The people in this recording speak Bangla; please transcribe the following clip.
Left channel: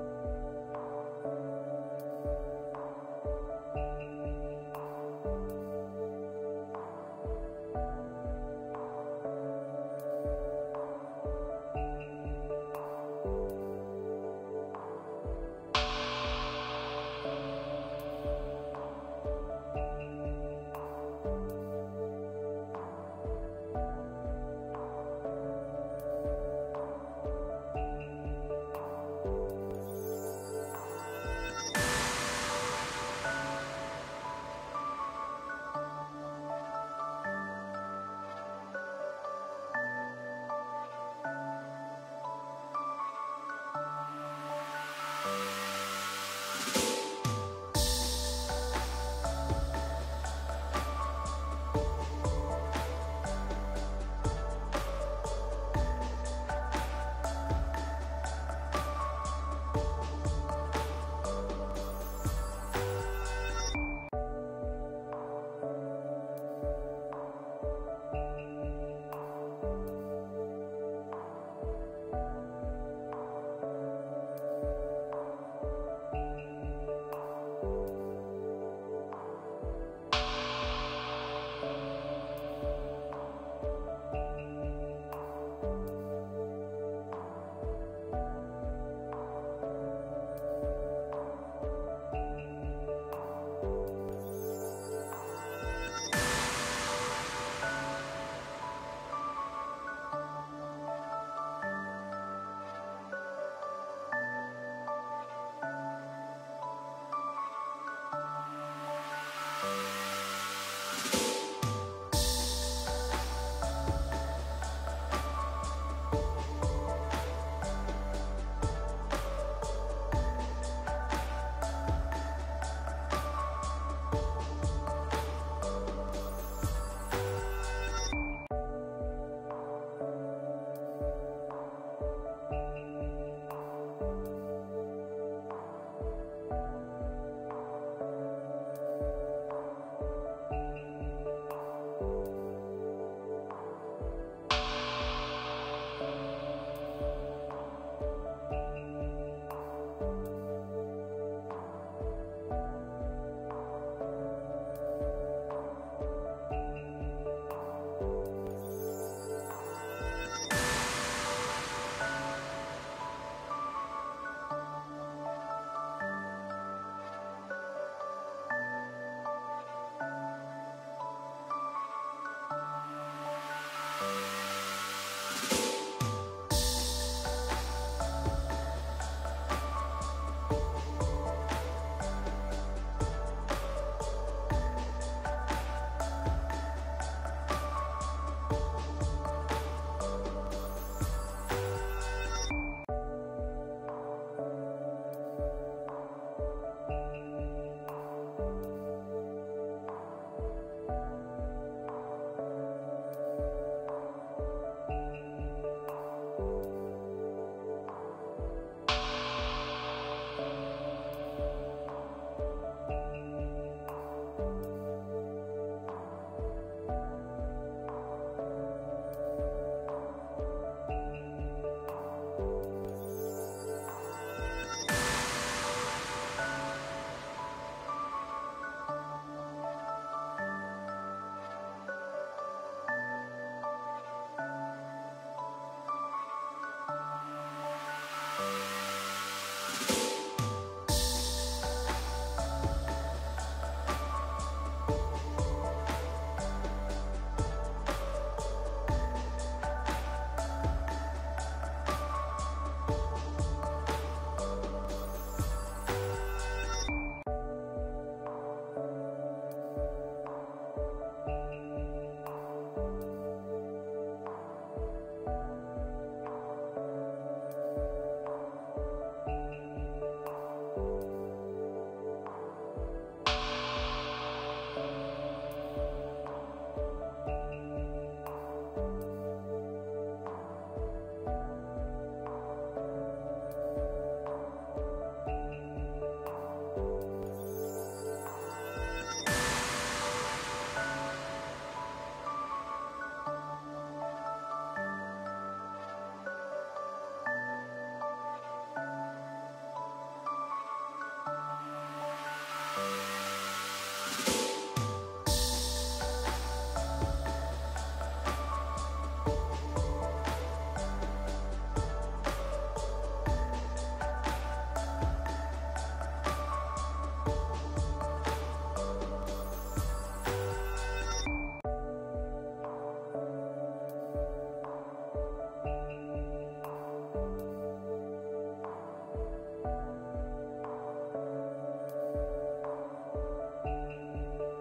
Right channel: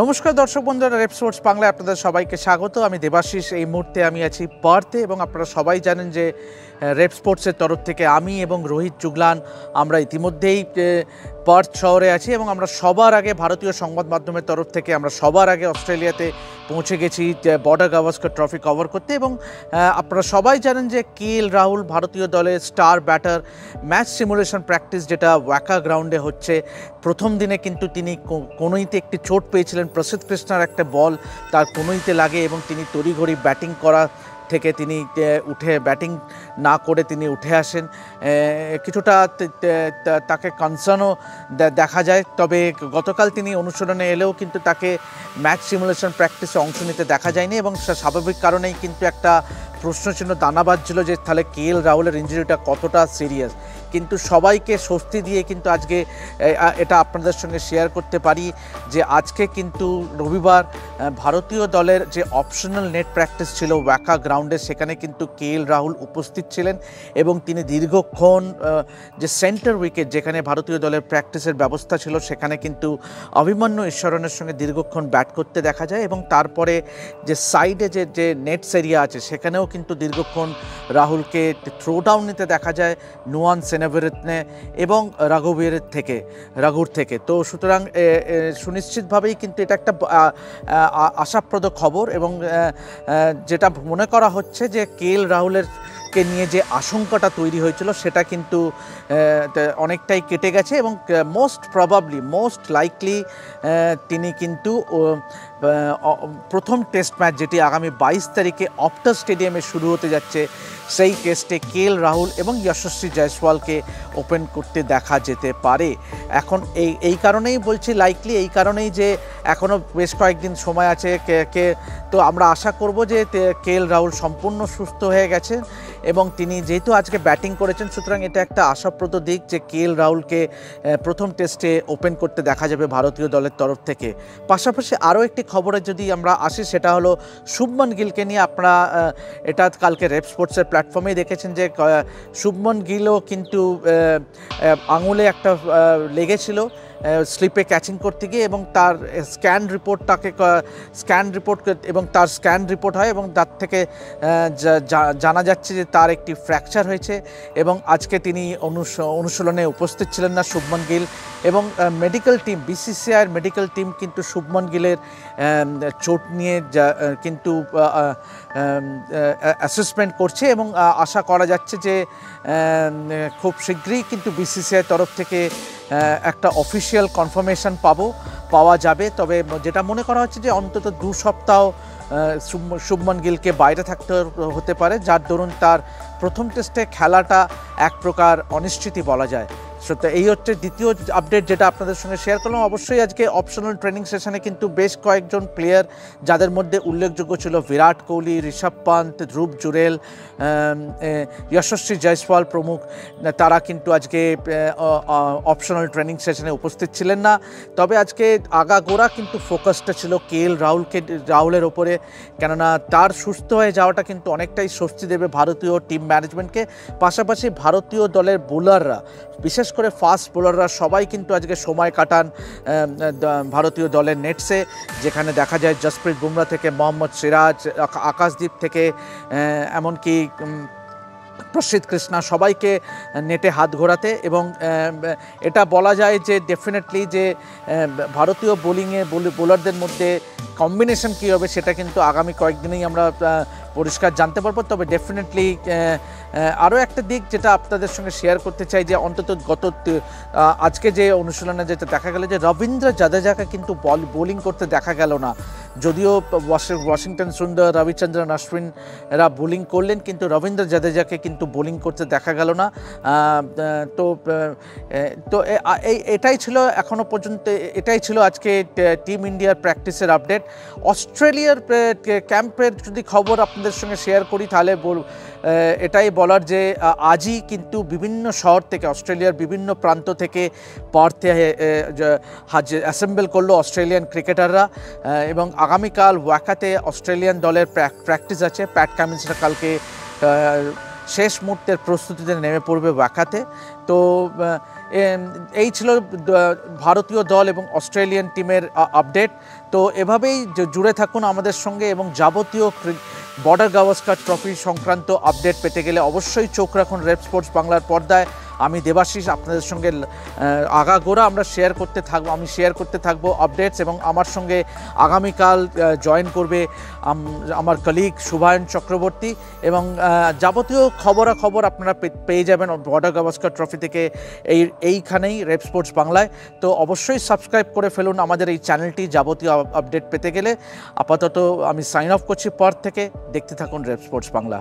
নমস্কার দর্শক বন্ধুরা, রেপ স্পোর্টস বাংলায় আপনাদের সবাইকে স্বাগত। আমি দেবাশিস। এই মুহূর্তে আমি আছি পার্থে এবং আপনারা সবাই জানেন যে রেপ স্পোর্টসের তরফ থেকে আমি এবং রোহিত জুগলান আমরা ইতিমধ্যেই পার্থ শহরে আছি এবং আমরা সবার আগে ভারতীয় সংবাদ মাধ্যমের তরফ থেকে আমরা সবার আগে অস্ট্রেলিয়াতে পৌঁছে গেছি বর্ডার গাভাস্কর ট্রফি কভার করতে। এবং আপনারা সবাই জানেন যে কেএল রাহুল ভারতীয় দলের star batter, match simulation practice যেটা ওয়াকা গ্রাউন্ডে হচ্ছে, প্রথম দিনে কিন্তু তিনি কোনোইতে একটি চোট পেয়েছিলেন। প্রসিদ্ধ কৃষ্ণার একটা বল তার কোনোইতে লাগে এবং তিনি তড়িঘড়ি ব্যাটিং করা থেকে তিনি উঠে ব্যাটিং না করে তিনি উঠে আসেন। কিছুটা তাকে কনসার্নও দেখা যায়, তবে গতকাল তিনি অনুশীলনে এলেও কিন্তু তাকে ম্যাচ সিমুলেশন প্র্যাকটিসে অংশ নিতে দেখা যায়নি এবং স্বাভাবিক কারণেই কিন্তু একটা প্রশ্নচিহ্ন দানা বাজছিল যে তাহলে কেএল রাহুলের ইঞ্জুরিটা কতটা সিরিয়াস। কিন্তু সবাইকে স্বস্তি দিয়ে কিন্তু আজকে এটা আপনাদের সঙ্গে শেয়ার করতে পারি যে আজকে কিন্তু রবিবার ভারতীয় দলের যে অপশনাল নেট প্র্যাকটিস ছিল ওয়াকা গ্রাউন্ডে, সেখানে কিন্তু কেএল রাহুল উপস্থিত ছিলেন এবং তিনি দীর্ঘক্ষণ যে সেন্টার উইকেট যেখানে ভারতীয় দলের প্র্যাকটিসের ব্যবস্থা ছিল সেখানে কিন্তু অভিমন্যু ঈশ্বরনের সঙ্গে দীর্ঘক্ষণ ব্যাট করতে দেখা যায় এবং তারপরে যে সাইডে যে নেটস এরিয়া আছে সেখানেও কিন্তু দীর্ঘক্ষণ রাহুলকে থ্রো ডাউন নিতে দেখা যায় নুয়ান সেনাভিরত্নে এবং রাঘুর থেকে। তো সুতরাং সুনিশ্চিতভাবেই কিন্তু এটা একটা আশাপ্রদ খবর এবং যেটা মনে করা হচ্ছে যে কেএল রাহুলের নিয়ে যে আশঙ্কাটা তৈরি হয়েছিল সেটা কিন্তু অনেকটাই কেটে গেছে এবং মোস্ট লাইকলি তিনি কিন্তু প্রথম টেস্ট ম্যাচ যেটি আগামী 22 তারিখে অপটাস স্টেডিয়ামে শুরু হতে যাচ্ছে সেই টেস্টে কেএল রাহুল এবং যশস্বী জয়সওয়ালকে ওপেন করতে দেখা যেতে পারে। এখন এই কারণেই বলছি লাইকলি, এই কারণেই যে এখনও বেশ কয়েকদিন সময় আছে তো আমরা আশা করব যে কেএল রাহুল সম্পূর্ণ সুস্থ হয়ে গেছে এবং তিনি যেহেতু আজকে ব্যাটিং করেছেন সুতরাং এটা একটা আশাপ্রদ দিক যে কেএল রাহুলকে প্রথম টেস্টে ওপেন করতে দেখা যাবে ভারতীয় দলের তরফ থেকে। পাশাপাশি আরও একটি খবরে যদি আমরা আসি সেটা হলো শুভমন গিলকে নিয়ে। আপনারা এটা কালকে রেপ স্পোর্টসের প্ল্যাটফর্মেই দেখেছেন যে শুভমন গিলও কিন্তু আঙুলে একটা লেগেছিল স্লিপে ক্যাচিং করতে গিয়ে এবং তার স্ক্যান রিপোর্ট হয় এবং তার থেকে জানা যাচ্ছে যে তার একটি ফ্র্যাকচার হয়েছে এবং আজকে তিনি অনুশীলনে উপস্থিত ছিলেন না শুভমন গিল এবং মেডিকেল টিম বিসিসিআইয়ের মেডিকেল টিম কিন্তু শুভমন গিলের চোট নিয়ে কিন্তু অ্যাসেসমেন্ট করছে এবং আশা করা যাচ্ছে যে খুব শীঘ্রই কিন্তু বিসিসিআইয়ের তরফ থেকে একটা অফিসিয়াল কনফার্মেশন পাওয়া যাবে। তবে যেটা মনে করা হচ্ছে যে অন্তত 2 সপ্তাহ শুভমন গিলকে বাইরে থাকতে হতে পারে, যার দরুন তার প্রথম টেস্টে খেলাটা এক প্রকার অনিশ্চিতই বলা যায়। সত্যি এই হচ্ছে দ্বিতীয় আপডেট যেটা আপনাদের সঙ্গে শেয়ার করলাম। অবশ্যই আজকে অপশনাল ট্রেনিং সেশনে কিন্তু বেশ কয়েকজন প্লেয়ার যাদের মধ্যে উল্লেখযোগ্য ছিল বিরাট কোহলি, ঋষভ পান্ত, ধ্রুব জুরেল, যশস্বী জয়সওয়াল প্রমুখ, তারা কিন্তু আজকে অপশনাল ট্রেনিং সেশনে উপস্থিত ছিলেন না। তবে আজকে আগাগোড়া কিন্তু ফোকাসটা ছিল কেএল রাহুলের ওপরে, কেননা তার সুস্থ হয়ে যাওয়াটা কিন্তু অনেকটাই স্বস্তি দেবে ভারতীয় টিম ম্যানেজমেন্টকে। পাশাপাশি ভারতীয় দলের বোলাররা, বিশেষ করে ফাস্ট বোলাররা সবাই কিন্তু আজকে সময় কাটান ভারতীয় দলের নেটসে, যেখানে দেখা যায় জসপ্রীত বুমরা থেকে মোহাম্মদ সিরাজ, আকাশদীপ থেকে এমনকি প্রসিদ্ধ কৃষ্ণা সবাইকে নেটে হাত ঘোরাতে এবং এটা বলা যায় যে ডেফিনেটলি যে ভারতীয় বোলারদের মধ্যে কম্বিনেশন কী হবে সেটা কিন্তু আগামী কয়েকদিনেই আমরা পরিষ্কার জানতে পারবো। তবে ডেফিনেটলি আরও একটা দিক যেটা আপনাদের সঙ্গে শেয়ার করতে চাই যে অন্তত আজকে যে অনুশীলনে যেটা দেখা গেল যে রবীন্দ্র জাদেজাকে কিন্তু বোলিং করতে দেখা গেল না। যদিও ওয়াশিংটন সুন্দর, রবিচন্দ্রন অশ্বিন এরা বোলিং করলেন কিন্তু রবীন্দ্র জাদেজাকে কিন্তু বোলিং করতে দেখা গেল না। তো এটাই ছিল এখনও পর্যন্ত, এটাই ছিল আজকে টিম ইন্ডিয়ার প্র্যাকটিসের আপডেট। অস্ট্রেলিয়ার ক্যাম্পের যদি খবর আপনাদের সঙ্গে শেয়ার করি তাহলে এটাই বলার যে আজই কিন্তু বিভিন্ন শহর থেকে, অস্ট্রেলিয়ার বিভিন্ন প্রান্ত থেকে পার্থে অ্যাসেম্বল করলো অস্ট্রেলিয়ান ক্রিকেটাররা এবং আগামীকাল ওয়াকাতে অস্ট্রেলিয়ান দলের প্র্যাকটিস আছে। প্যাট কামিন্সরা কালকে শেষ মুহূর্তের প্রস্তুতিতে নেমে পড়বে ওয়াকাতে। তো এই ছিল ভারতীয় দল এবং অস্ট্রেলিয়ান টিমের আপডেট। তো এভাবেই জুড়ে থাকুন আমাদের সঙ্গে, এবং যাবতীয় বর্ডার গাভাস্কার ট্রফি সংক্রান্ত আপডেট পেতে গেলে অবশ্যই চোখ রাখুন রেপ স্পোর্টস বাংলার পর্দায়। আমি দেবাশিস আপনাদের সঙ্গে আগাগোড়া আমরা শেয়ার করতে থাকবো, আমি শেয়ার করতে থাকবো আপডেটস, এবং আমার সঙ্গে আগামীকাল জয়েন করবে আমার কলিগ শুভায়ন চক্রবর্তী, এবং যাবতীয় খবরাখবর আপনারা পেয়ে যাবেন বর্ডার গাভাস্কার ট্রফি থেকে এইখানেই রেপ স্পোর্টস বাংলায়। তো অবশ্যই সাবস্ক্রাইব করে ফেলুন আমাদের এই চ্যানেলটি যাবতীয় আপডেট পেতে গেলে। আপাতত আমি সাইন অফ করছি পর থেকে। দেখতে থাকুন রেপ স্পোর্টস বাংলা।